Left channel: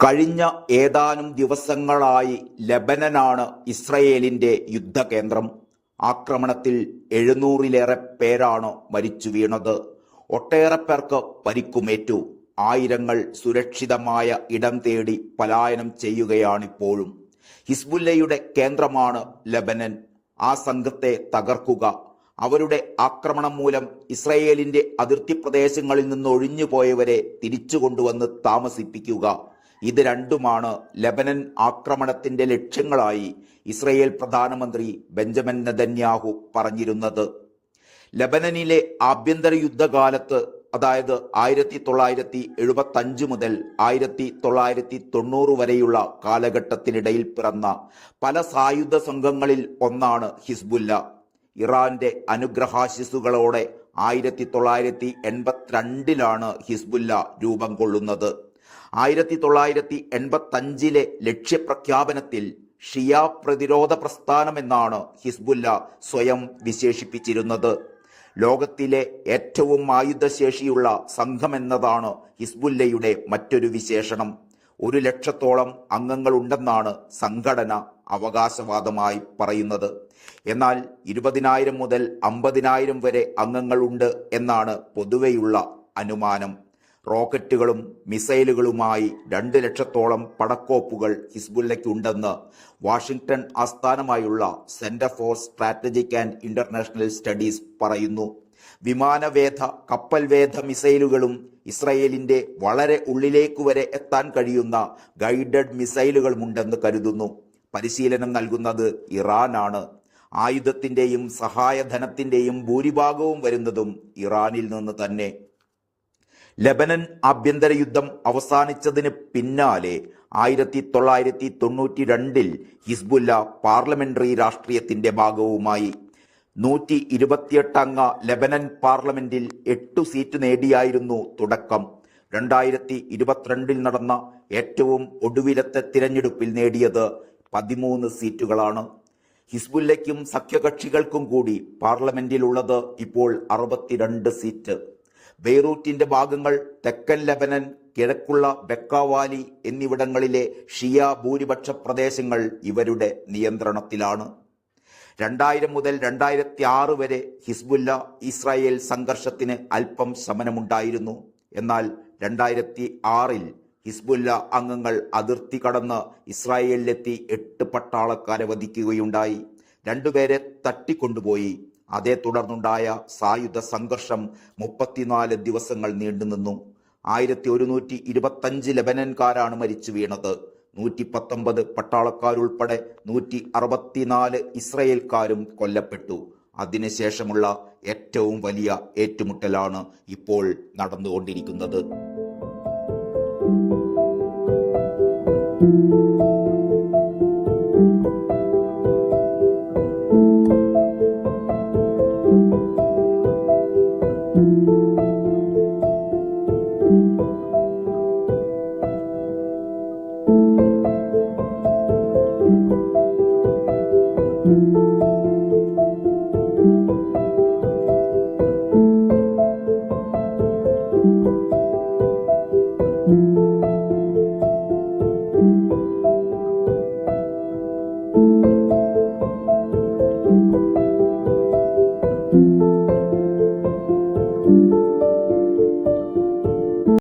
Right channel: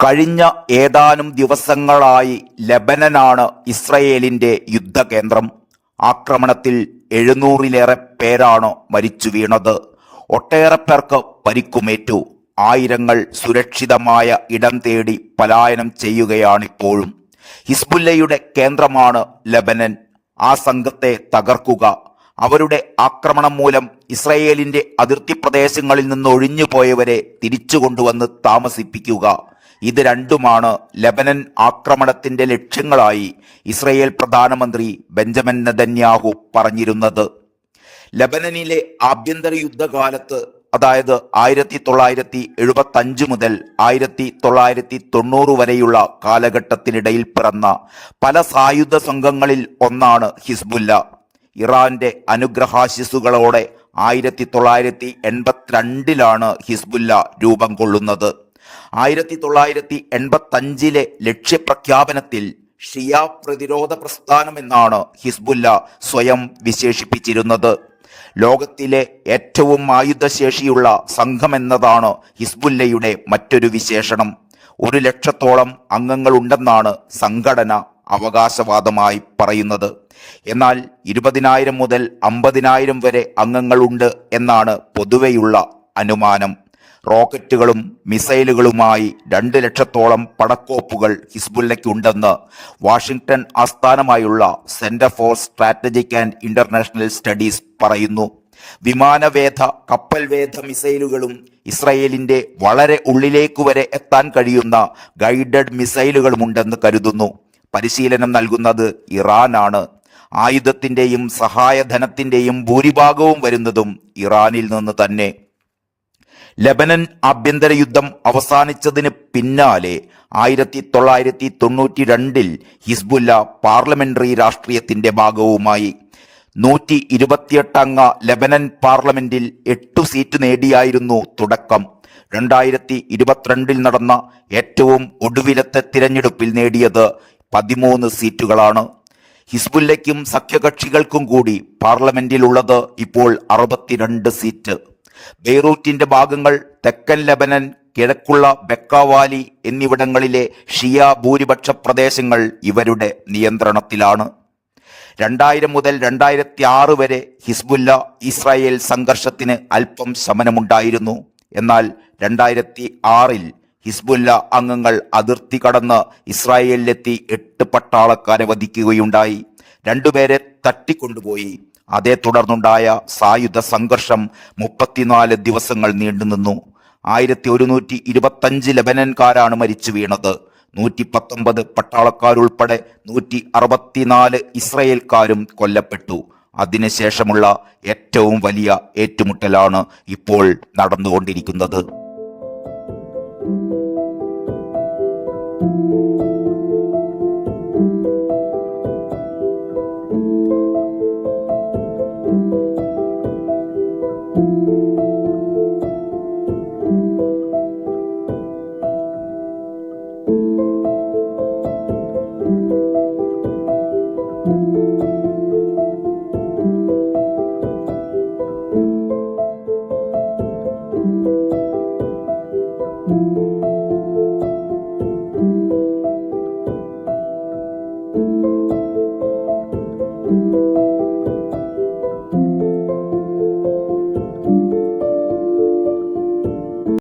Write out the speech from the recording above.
കഴിഞ്ഞ ഏതാനും ദിവസങ്ങളായി ലെബനനാണ് ഇസ്രയേലിന്റെ യുദ്ധകേന്ദ്രം. ആക്രമണത്തിൽ 700-ലേറെ പേരാണ് മരിച്ചു വീണത്. ഒട്ടേറെ പേർക്ക് പരിക്കുമേറ്റു. ആയിരങ്ങൾ സുരക്ഷിതമായ ഇടം തേടി പലായനം ചെയ്യുകയാണിപ്പോഴും. ഹിസ്ബുല്ലയുടെ കേന്ദ്രമാണ് ലെബനൻ. ആ സംഘത്തെ തകർക്കുക, അവരുടെ ആക്രമണം മൂലം ഇസ്രയേലിന്റെ അതിർത്തി പ്രദേശങ്ങളിൽ നിന്ന് ഒഴിഞ്ഞുപോയവരെ തിരിച്ചു കൊണ്ടുവന്ന് താമസിപ്പിക്കുക, ഇത് രണ്ടുമാണ് ലെബനൻ ആക്രമണത്തിന്റെ ലക്ഷ്യങ്ങളായി ഇസ്രയേൽ പ്രധാനമന്ത്രി ബെഞ്ചമിൻ നെതന്യാഹു പറഞ്ഞിരുന്നത്. ലെബനനിലെ ആഭ്യന്തര യുദ്ധകാലത്ത്, അതായത് 1975 മുതൽ 1990 വരെയുള്ള കാലഘട്ടത്തിനിടയിൽ പിറന്ന പല സായുധ സംഘങ്ങളിൽ ഒന്നാണ് ഹിസ്ബുല്ല. ഇറാന്റെ അനുഗ്രഹാശിസുകളോടെ 1982 ഹിസ്ബുല്ല രൂപം കൊള്ളുന്നത്. 1985 ലക്ഷ്യപ്രഖ്യാപനത്തിൽ ഷിയ പ്രതിരോധ പ്രസ്ഥാനമെന്നാണ് ഹിസ്ബുല്ല സ്വയം വിശേഷിപ്പിച്ചിരുന്നത്. ലോകത്തിലെ ഏറ്റവും ആയുധശേഷിയുള്ള സംഘമെന്നതാണ് ഹിസ്ബുല്ലയുടെ മറ്റൊരു വിശേഷണം. 100,000-ഓളം അംഗങ്ങളുണ്ടെന്നാണ് സംഘടന അവകാശവാദമായി പറയുന്നത്. എന്നാൽ 20,000 മുതൽ 50,000 വരെ അംഗങ്ങളുണ്ട് എന്നാണ് പൊതുവെയുള്ള അനുമാനം. റോക്കറ്റുകളും മിസൈലുകളുമായി 2,00,000-ഓളം പടക്കോപ്പുകൾ ഹിസ്ബുല്ലയ്ക്കുണ്ടെന്ന് വാഷിംഗ്ടൺ ആസ്ഥാനമായുള്ള centre for strategic and international studies പറയുന്നു. വിമാനവേധ, കപ്പൽവേധ മിസൈലുകളും ഇസ്രയേലിന്റെ വളരെ ഉള്ളിലേക്ക് വരെ എത്താൻ കഴിയുന്ന ഗൈഡഡ് മിസൈലുകളുമുണ്ടെന്ന് കരുതുന്നു. പരിശീലനം നൽകുന്നത് ഇറാനാണ്. ആയുധത്തിന്റെയും സഹായധനത്തിന്റെയും ഭൂരിഭാഗവും വരുന്നതും ഇറാനിൽ നിന്ന് തന്നെ. ലെബനൻ ആഭ്യന്തര യുദ്ധം അവസാനിച്ചതിന് പിന്നാലെ 1992 ഹിസ്ബുല്ല പാർലമെന്ററി രാഷ്ട്രീയത്തിന്റെ ഭാഗവുമായി. 128 അംഗ ലെബനൻ പാർലമെന്റിൽ 8 സീറ്റ് നേടിയായിരുന്നു തുടക്കം. 2022 നടന്ന ഏറ്റവും ഒടുവിലത്തെ തിരഞ്ഞെടുപ്പിൽ നേടിയത് 13 സീറ്റുകളാണ്. ഹിസ്ബുല്ലയ്ക്കും സഖ്യകക്ഷികൾക്കും കൂടി പാർലമെന്റിലുള്ളത് ഇപ്പോൾ 62 സീറ്റ്. ബെയ്റൂറ്റിന്റെ ഭാഗങ്ങൾ, തെക്കൻ ലെബനൻ, കിഴക്കുള്ള ബെക്കാവാലി എന്നിവിടങ്ങളിലെ ഷിയ ഭൂരിപക്ഷ പ്രദേശങ്ങൾ ഇവരുടെ നിയന്ത്രണത്തിലാണ്. 2000 മുതൽ 2006 വരെ ഹിസ്ബുല്ല ഇസ്രായേൽ സംഘർഷത്തിന് അല്പം ശമനമുണ്ടായിരുന്നു. എന്നാൽ 2006 ഹിസ്ബുല്ല അംഗങ്ങൾ അതിർത്തി കടന്ന് ഇസ്രായേലിലെത്തി 8 പട്ടാളക്കാരെ വധിക്കുകയുണ്ടായി. 2 പേരെ തട്ടിക്കൊണ്ടുപോയി. അതേ തുടർന്നുണ്ടായ സായുധ സംഘർഷം 34 ദിവസങ്ങൾ നീണ്ടുനിന്നു. 1125 ലെബനൻകാരാണ് മരിച്ചു വീണത്. 119 പട്ടാളക്കാരുൾപ്പെടെ 164 ഇസ്രയേൽക്കാരും കൊല്ലപ്പെട്ടു. അതിനുശേഷമുള്ള ഏറ്റവും വലിയ ഏറ്റുമുട്ടലാണ് ഇപ്പോൾ നടന്നുകൊണ്ടിരിക്കുന്നത്.